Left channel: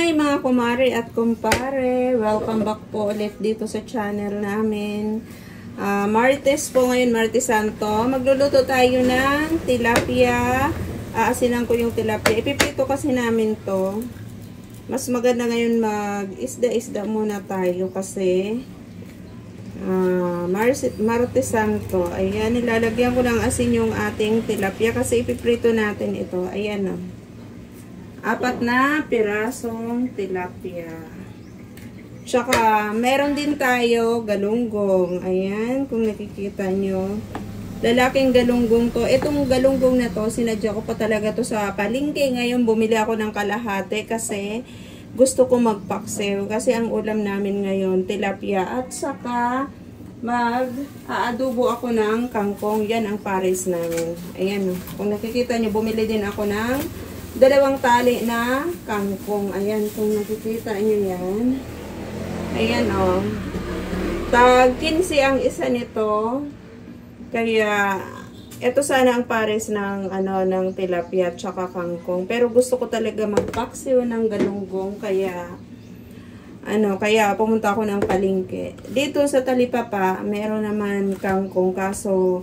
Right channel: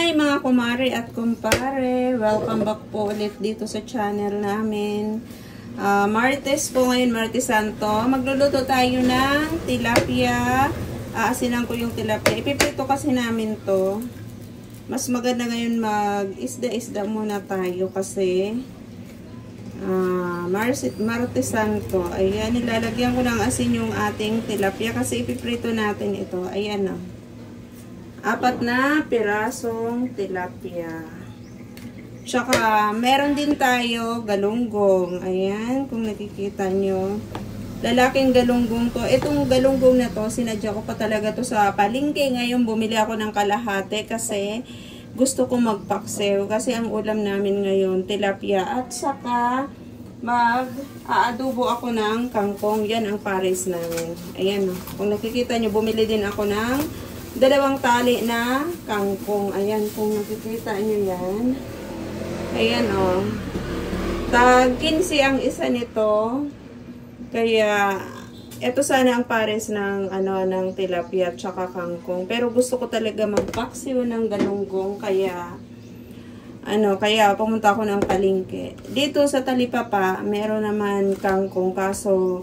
Hi mga kumari at kumpare! Welcome back po ulit dito sa channel namin. Martes po ngayon, Martes Santo. Magluluto tayo ng tilapia. Aasinan ko yung tilapia. Ipiprito kasi namin to. Mas maganda ngayon mag-isda-isda muna tayo kasi Martes Santo. Ayan, nilalagyan ko ng asin yung ating tilapia kasi ipiprito natin ito. Ayan o. 4 na pirasong tilapia. Tsaka, meron din tayo galunggong. Ayan, kung nakikita nyo. Lalaking galunggong to. Itong galunggong na to, sinadya ko pa talaga to sa palengke. Ngayon, bumili ako ng kalahati kasi gusto ko magpaksiw. Kasi ang ulam namin ngayon, tilapia. At saka, mag-aadobo ako ng kangkong. Yan ang pares namin. Ayan o. Kung nakikita nyo, bumili din ako ng 2 tali na kangkong. Ayan, kung nakikita nyo yan. Ayan o. Tag 15 ang isa nito. Kaya, ito sana ang pares ng, ng tilapia at saka kangkong. Pero gusto ko talaga magpaksiw ng galunggong. Kaya, kaya pumunta ako ng palengke. Dito sa Talipapa, meron naman kangkong. Kaso,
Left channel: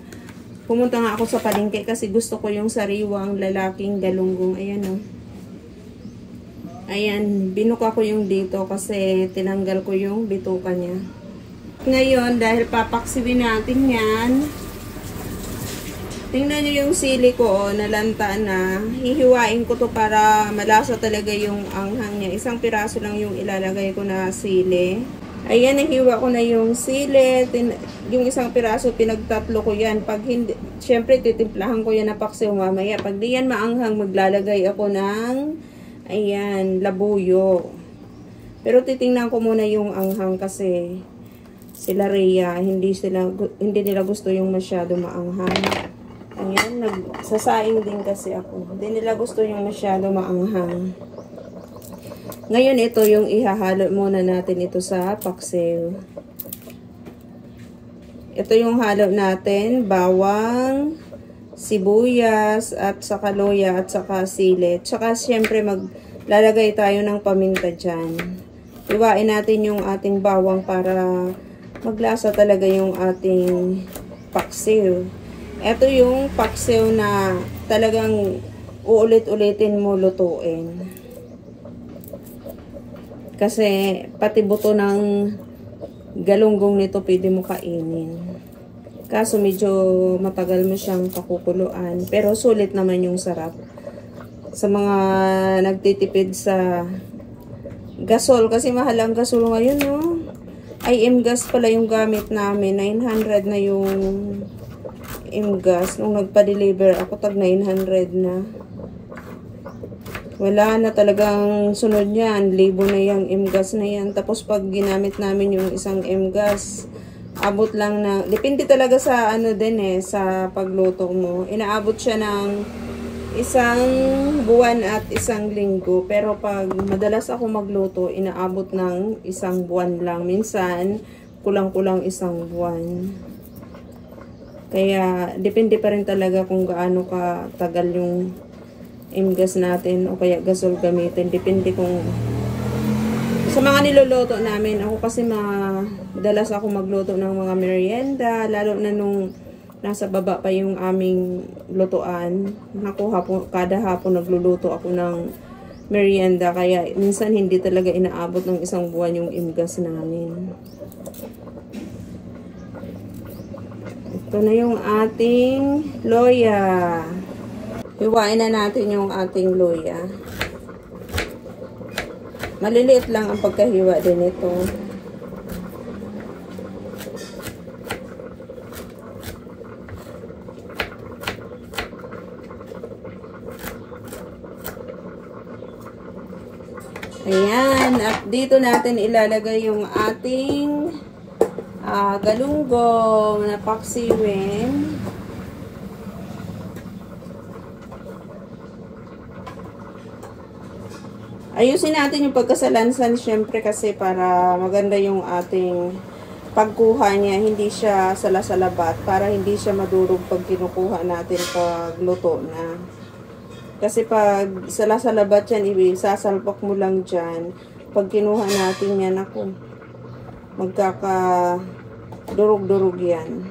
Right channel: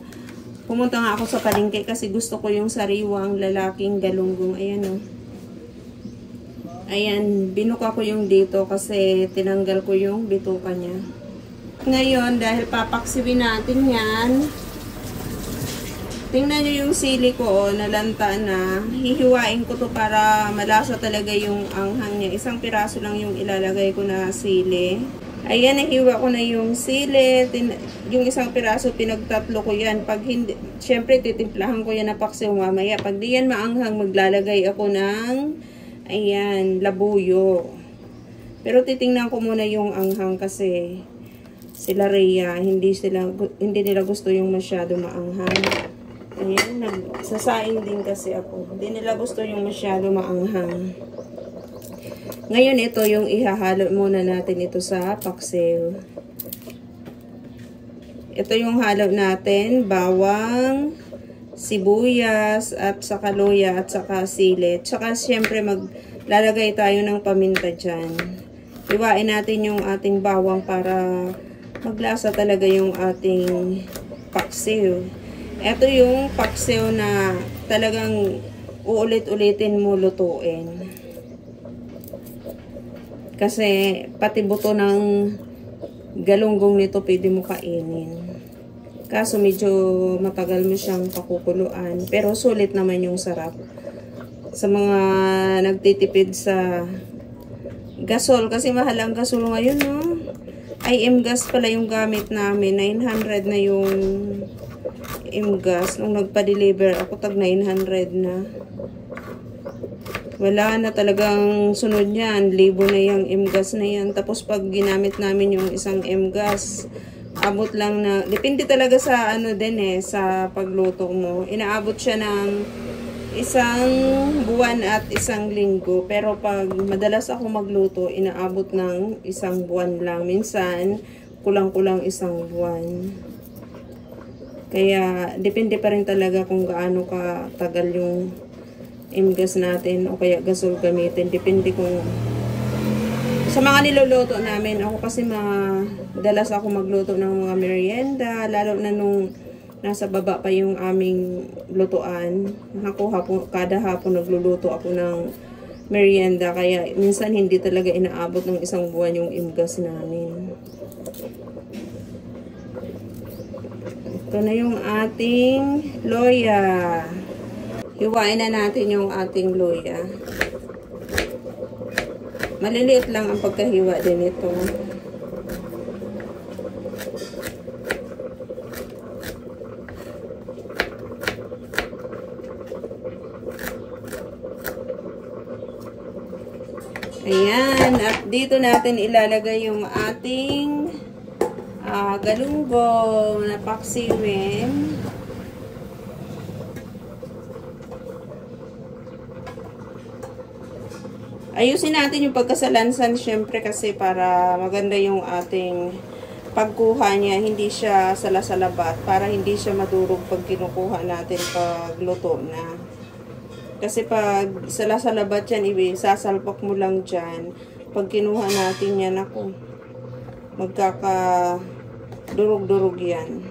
pumunta nga ako sa palengke kasi gusto ko yung sariwang lalaking galunggong. Ayan o. Ayan, binuka ko yung dito kasi tinanggal ko yung bituka niya. Ngayon, dahil papaksiwin natin yan, tingnan nyo yung sili ko, nalanta na. Hihiwain ko to para malasa talaga yung anghang niya. 1 piraso lang yung ilalagay ko na sili. Ayan, nahiwa ko na yung sili. Yung 1 piraso, pinagtatlo ko yan. Pag hindi, syempre, titimplahan ko yan na paksiw mamaya. Pag di yan maanghang, maglalagay ako ng, ayan, labuyo. Pero titingnan ko muna yung anghang kasi sila Rhea, hindi nila gusto yung masyado maanghang. Ayan, nagsasaing din kasi ako. Hindi nila gusto yung masyado maanghang. Ngayon, ito yung ihahalo muna natin ito sa paksiw. Ito yung halo natin, bawang, sibuyas, at saka luya, at saka sili. Tsaka, syempre, maglalagay tayo ng paminta dyan. Iwain natin yung ating bawang para maglasa talaga yung ating paksiw. Ito yung paksiw na talagang uulit-ulitin mo lutuin. Kasi pati buto ng galunggong nito pwede mo kainin. Kaso medyo matagal mo siyang pakukuluan. Pero sulit naman yung sarap. Sa mga nagtitipid sa gasol. Kasi mahal ang gasol ngayon, no? IM gas pala yung gamit namin. 900 na yung gas. Nung nagpa-deliver ako, tag 900 na. Wala na talagang sunod yan. Libo na yung M-gas na yan. Tapos pag ginamit namin yung 1 M-gas, abot lang na, depende talaga sa sa pagluto mo. Inaabot siya ng 1 buwan at 1 linggo. Pero pag madalas ako magluto, inaabot ng 1 buwan lang. Minsan, kulang-kulang 1 buwan. Kaya, depende pa rin talaga kung gaano katagal yung M-gas natin o kaya gasol gamitin. Depende kung sa mga niluluto namin. Ako kasi dalas ako magluto ng mga merienda. Lalo na nung nasa baba pa yung aming lutuan. Kada hapon nagluluto ako ng merienda. Kaya minsan hindi talaga inaabot ng 1 buwan yung M-gas namin. Ito na yung ating loya. Hiwain na natin yung ating luya. Maliliit lang ang pagkahiwa din ito. Ayan. At dito natin ilalagay yung ating galunggong na paksiwin. Ayusin natin yung pagkasalansan syempre kasi para maganda yung ating pagkuha niya. Hindi siya salasalabat para hindi siya madurog pag kinukuha natin pag luto na. Kasi pag salasalabat yan, sasalpak mo lang dyan. Pag kinuha natin yan, ako, magkaka-durog-durog yan.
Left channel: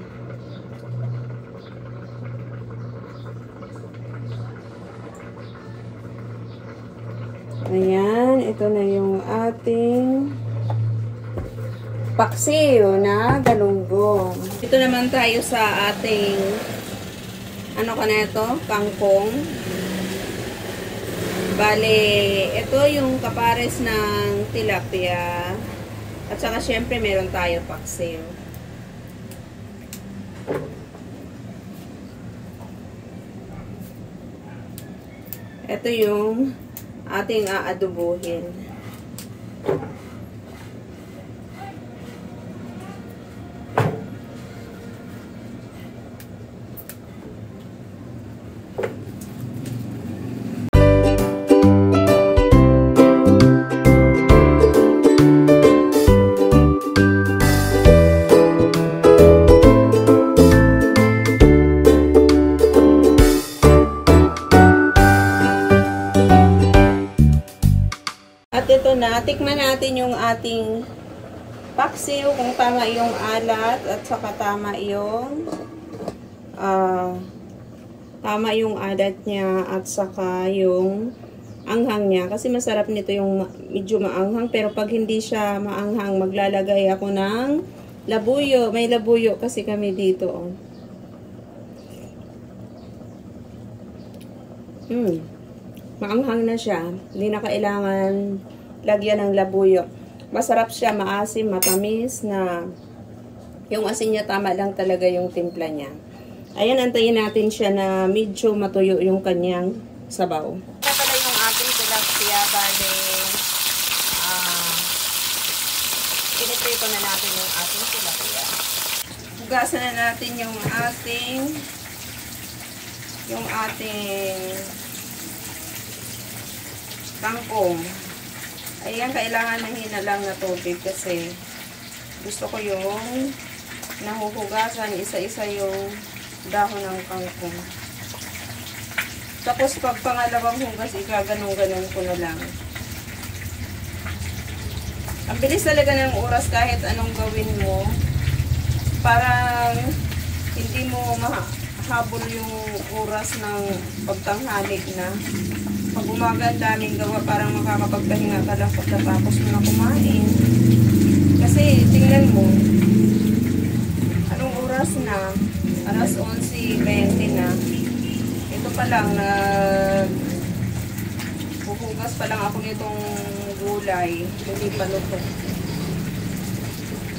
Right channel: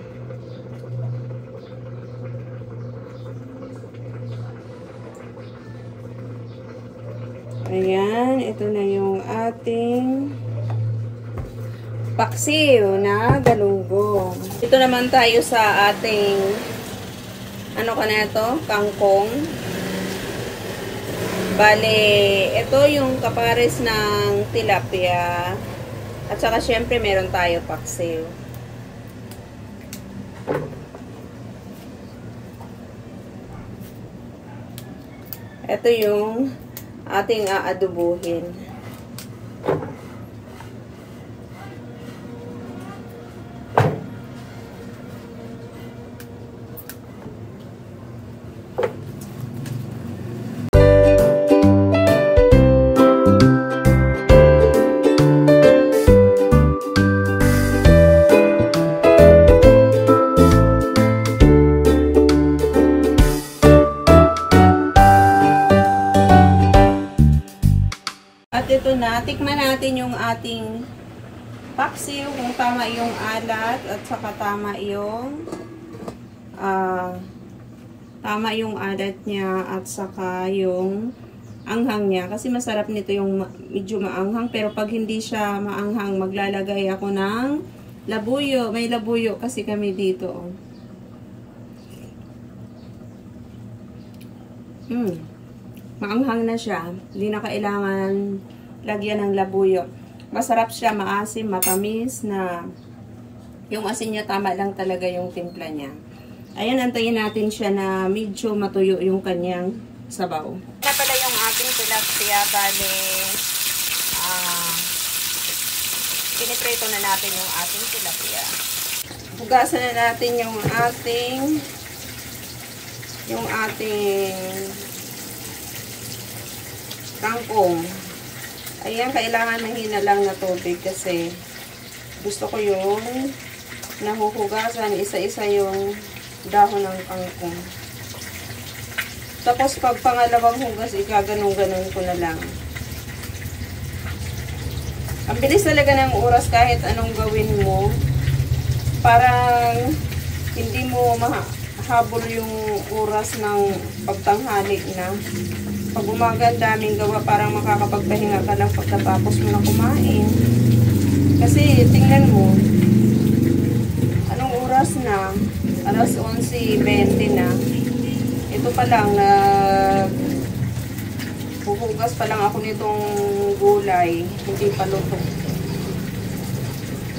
Ayan, ito na yung ating paksiw na galunggong. Ito naman tayo sa ating ano ka na ito? Kangkong. Bale, ito yung kapares ng tilapia. At saka syempre meron tayo paksiw. Ito yung ating aadubuhin. At ito na, tikman natin yung ating paksiw, kung tama yung alat at saka tama yung alat niya at saka yung anghang niya. Kasi masarap nito yung medyo maanghang, pero pag hindi siya maanghang, maglalagay ako ng labuyo. May labuyo kasi kami dito. Maanghang na siya. Hindi na kailangan lagyan ng labuyo. Masarap siya, maasim, matamis na yung asin niya tama lang talaga yung timpla niya. Ayan, antayin natin siya na medyo matuyo yung kanyang sabaw. Na pala yung ating tilapia, bale piniprito na natin yung ating tilapia. Hugasan na natin yung ating kangkong. Ayan, kailangan ng hinalang na tubig kasi gusto ko yung nahuhugasan isa-isa yung dahon ng kangkong. Tapos pag pangalawang hugas, ikaganong-ganon ko na lang. Ang bilis talaga ng oras kahit anong gawin mo. Parang hindi mo mahabol yung oras ng pagtanghali na. Pag umaga ang daming gawa, parang makakapagpahinga ka lang pagkatapos mo na kumain. Kasi tingnan mo, anong oras na? Alas 11:20 na. Ito pa lang, huhugas pa lang ako nitong gulay. Hindi pa luto.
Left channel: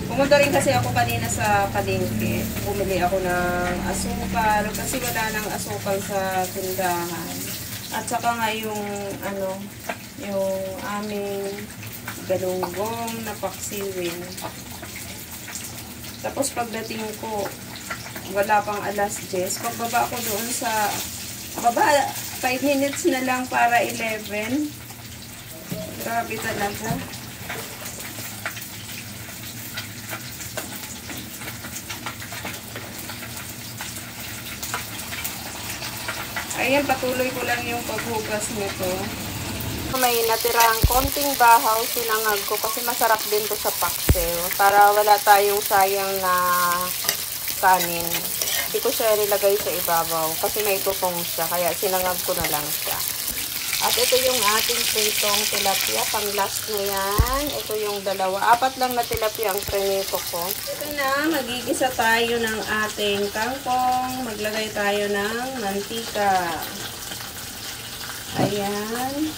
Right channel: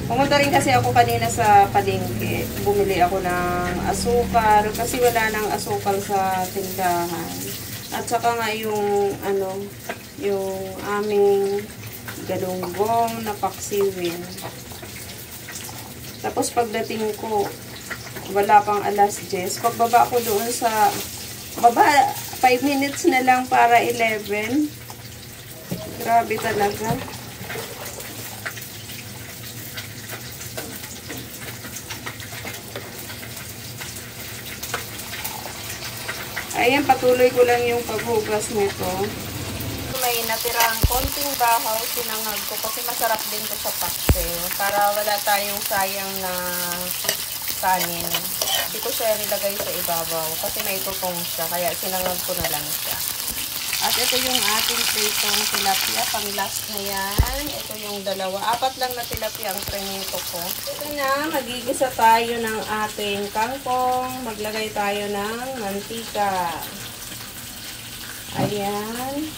Pumunta rin kasi ako kanina sa palengke. Bumili ako ng asukal kasi wala nang asukal sa tindahan. At saka nga yung aming galunggong na paksiwin. Tapos pagdating ko, wala pang alas 10. Pagbaba ko doon sa baba, 5 minutes na lang para 11. Grabe talaga. Ayan, patuloy ko lang yung paghugas nito. May natirang konting bahaw, sinangag ko kasi masarap din to sa paksiw. Para wala tayong sayang na kanin. Hindi ko siya nilagay sa ibabaw kasi may tukong siya, kaya sinangag ko na lang siya. At ito yung ating pritong tilapia, pang last na yan. Ito yung dalawa. 4 lang na tilapia ang prinito ko. Ito na, magigisa tayo ng ating kangkong. Maglagay tayo ng mantika. Ayan.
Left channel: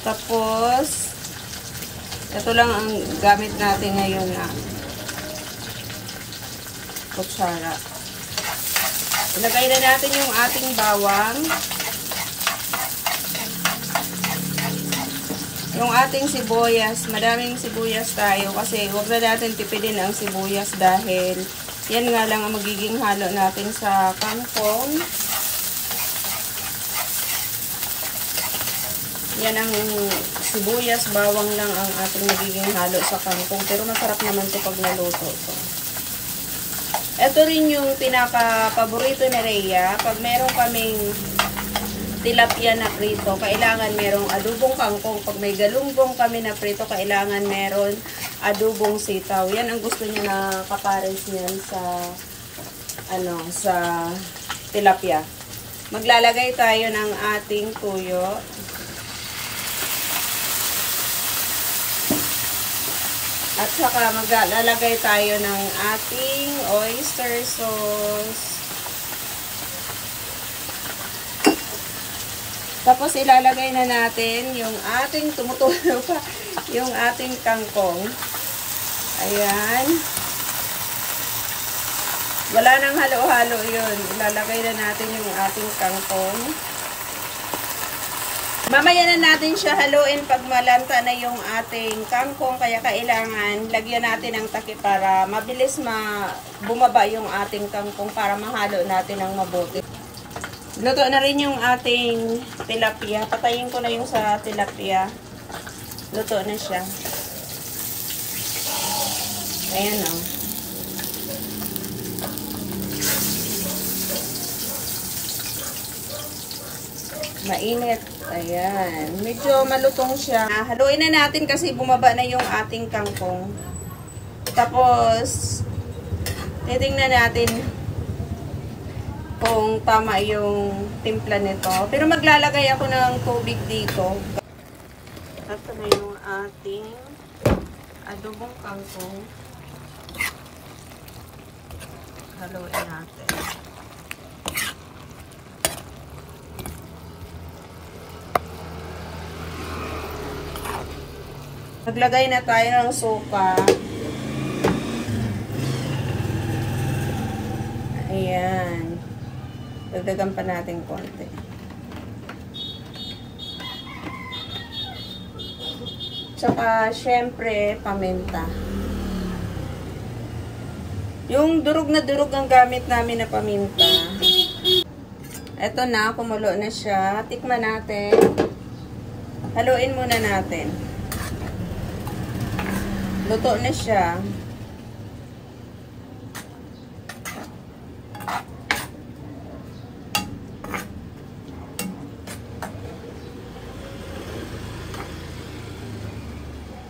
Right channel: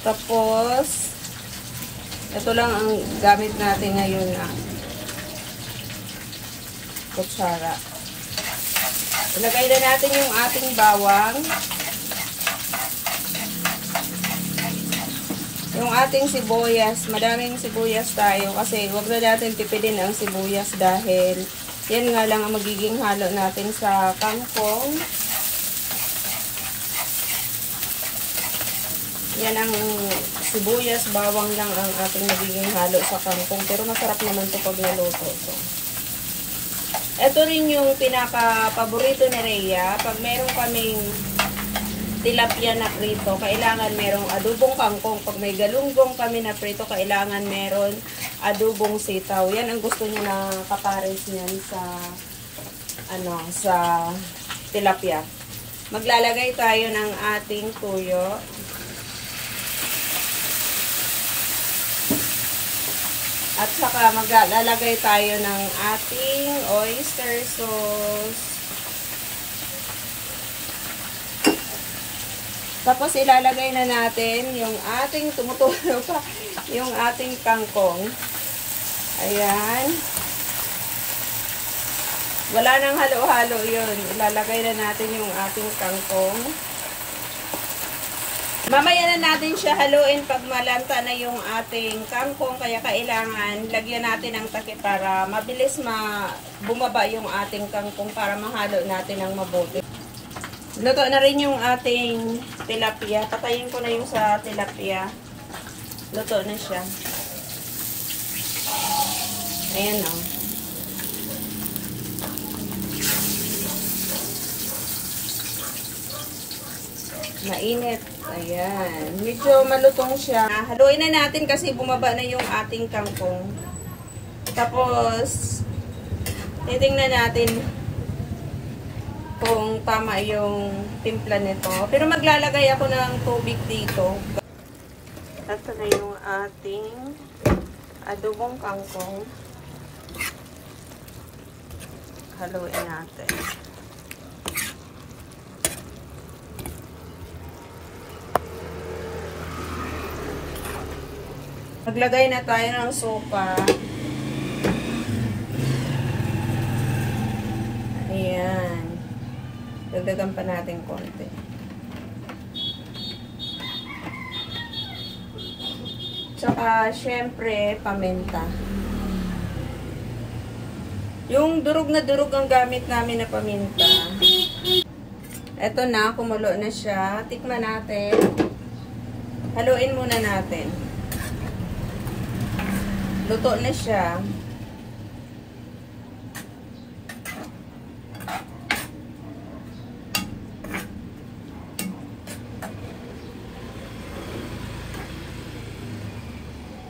Tapos, ito lang ang gamit natin ngayon na kutsara. Ilagay na natin yung ating bawang. Yung ating sibuyas, madaming sibuyas tayo kasi huwag na natin tipidin ang sibuyas dahil yan nga lang ang magiging halo natin sa kangkong. Yan ang sibuyas, bawang lang ang ating magiging halo sa kangkong. Pero masarap naman ito pag naluto ito. Ito rin yung pinaka-paborito ni Rhea. Pag meron kaming tilapia na prito, kailangan merong adubong kangkong. Pag may galunggong kami na prito, kailangan meron adubong sitaw. Yan ang gusto niya na kapares niyan sa tilapia. Maglalagay tayo ng ating tuyo. At saka maglalagay tayo ng ating oyster sauce. Tapos ilalagay na natin yung ating tumutulo pa, yung ating kangkong. Ayan. Wala nang halo-halo yun. Ilalagay na natin yung ating kangkong. Mamaya na natin siya haluin pag malanta na yung ating kangkong. Kaya kailangan lagyan natin ng takip para mabilis bumaba yung ating kangkong para mahalo natin ng mabuti. Luto na rin yung ating tilapia. Patayin ko na yung sa tilapia. Luto na siya. Ayan o. Mainit. Ayan. Medyo malutong siya. Haluin na natin kasi bumaba na yung ating kangkong. Tapos, titingnan natin kung tama yung timpla nito. Pero maglalagay ako ng tubig dito. Ito na yung ating adobong kangkong. Haluin natin. Naglagay na tayo ng sopa. Ayan. Dagdagan pa natin konti. Tsaka, syempre, paminta. Yung durog na durog ang gamit namin na paminta. Eto na, kumulo na siya. Tikman natin. Haluin muna natin. Luto na siya.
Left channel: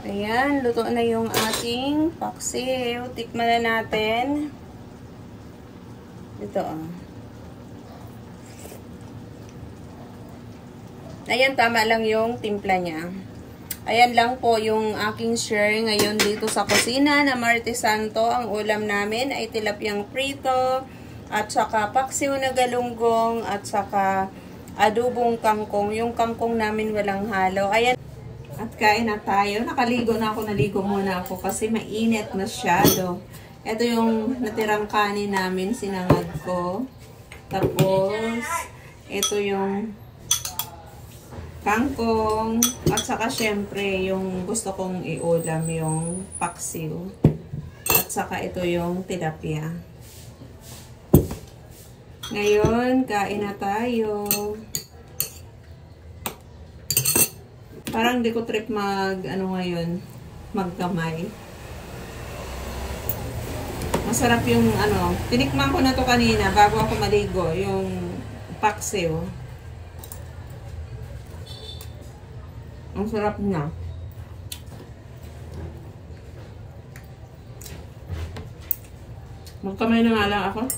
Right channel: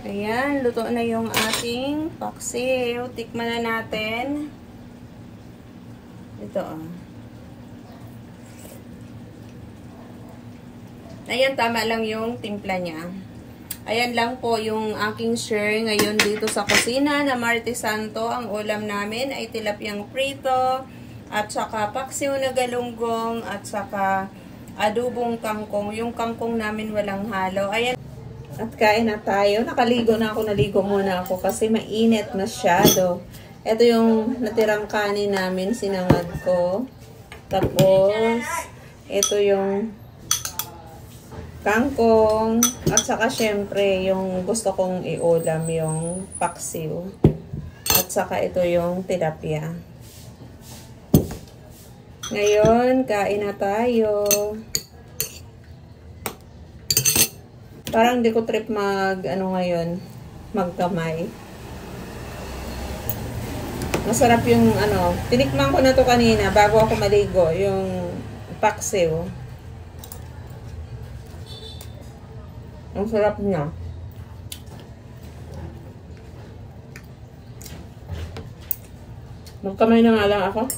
Ayan, luto na yung ating paksiw. Tikman na natin. Ito oh. Ayan, tama lang yung timpla niya. Ayan lang po yung aking share ngayon dito sa kusina na Martes Santo. Ang ulam namin ay tilapyang prito at saka paksiw na galunggong at saka adubong kangkong. Yung kangkong namin walang halo. Ayan. At kain na tayo. Nakaligo na ako. Naligo muna ako kasi mainit masyado. Ito yung natirang kanin namin. Sinangad ko. Tapos, ito yung kangkong. At saka syempre, yung gusto kong iulam, yung paksiw. At saka ito yung tilapia. Ngayon, kain na tayo. Parang di ko trip magkamay. Masarap yung tinikman ko na to kanina bago ako maligo, yung paksiw. Ang sarap niya. Magkamay na nga lang ako.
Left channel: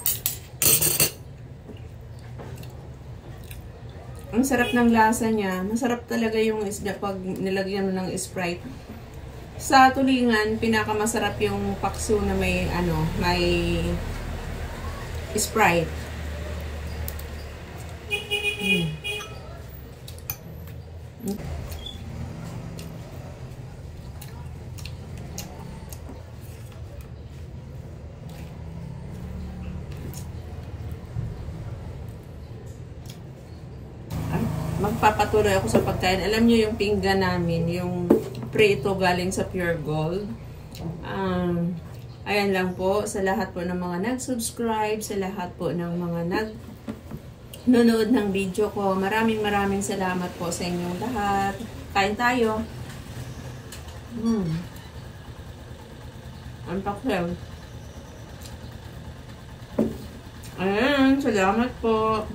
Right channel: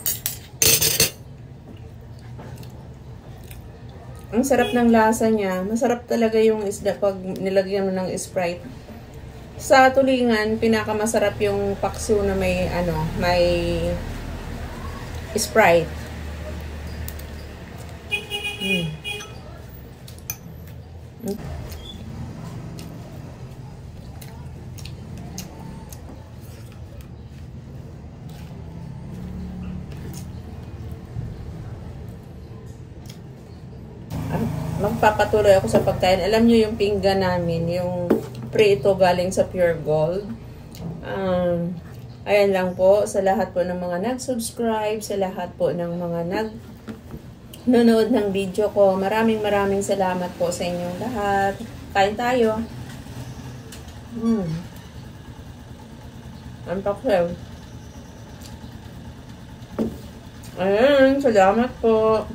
Ang sarap ng lasa niya. Masarap talaga yung isda pag nilagyan mo ng Sprite. Sa tulingan, pinakamasarap yung pakso na may Sprite. Magpapatuloy ako sa pagkain. Alam nyo yung pinggan namin, yung prito galing sa Pure Gold. Ayan lang po, sa lahat po ng mga nag-subscribe, sa lahat po ng mga nanonood ng video ko. Maraming salamat po sa inyong lahat. Kain tayo. Ang paksiw. Ayan, salamat po.